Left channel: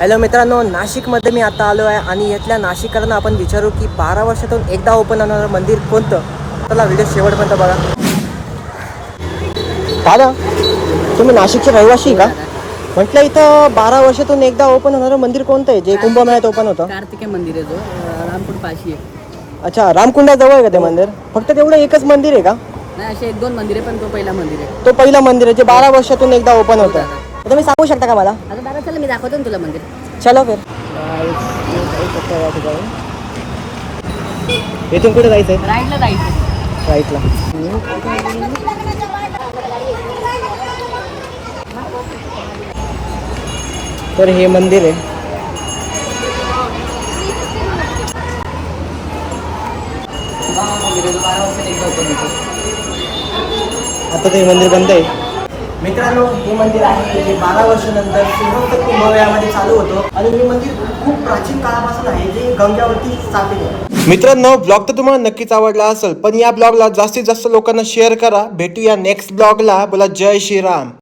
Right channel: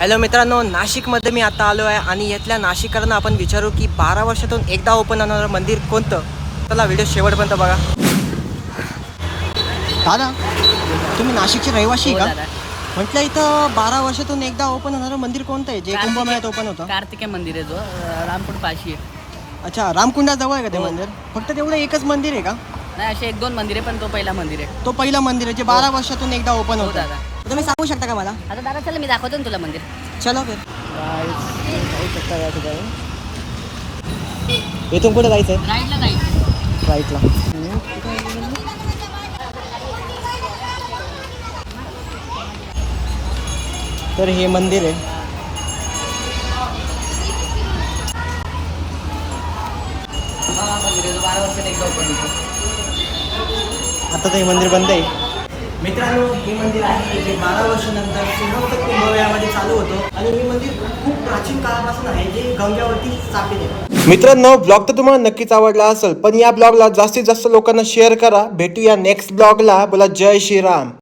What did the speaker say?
Hello मित्रांनो, नाशिकमध्ये मी आता आलो आहे आणि इथल्या नाशिककरांना आपण विचारू की 12 वर्षातून एकदा ओपन होणारं मंदिर कोणतं. चला व्हिडिओ शेवटपर्यंत बघा. दादा, तुम्ही नाशिकचे रहिवासी का? म्हटलं इथं 12 वर्षातून एकदा ओपन होणारं मंदिर कोणतं आहे जे कुंभमेळ्यात ओपन होतं? कार्तिकेय मंदिर आहे जो रामकुंड पाशी आहे. अच्छा, रामकुंडाजवळ आहे का ते मंदिर? फक्त तेवढं एकच मंदिर आहे का? नाही, असे 1-2 मंदिर आहे पण तो पहिला मंदिर आहे. तो पहिला मंदिर आहे जे 12 वर्षातून एकदा ओपन होतं. तुम्ही सांगू शकता का मला? आता दादा चला मी दाखवतो ना तुला मंदिर. चलो फिर. इथून कुठे जायचं आहे? राईटला जायचं. राईटला. तर हे मंदिर आहे. आता ते मंदिर बंद आहे. मित्रांनो, हे मंदिर आहे जे 12 वर्षानंतर श्रीरंग कुंभमेळ्यामध्ये चालू होतं आणि हे मंदिर खूप प्राचीन काळापासून आहे जे गंग्यावरती स्थापित आहे. मित्रांनो, ब्लॉग तर तुम्हाला नक्कीच आवडला असेल, पण या ब्लॉगला जास्तीत जास्त लोकांना शेअर करा. भेटूया नेक्स्ट ब्लॉगला. बोला जय श्रीराम.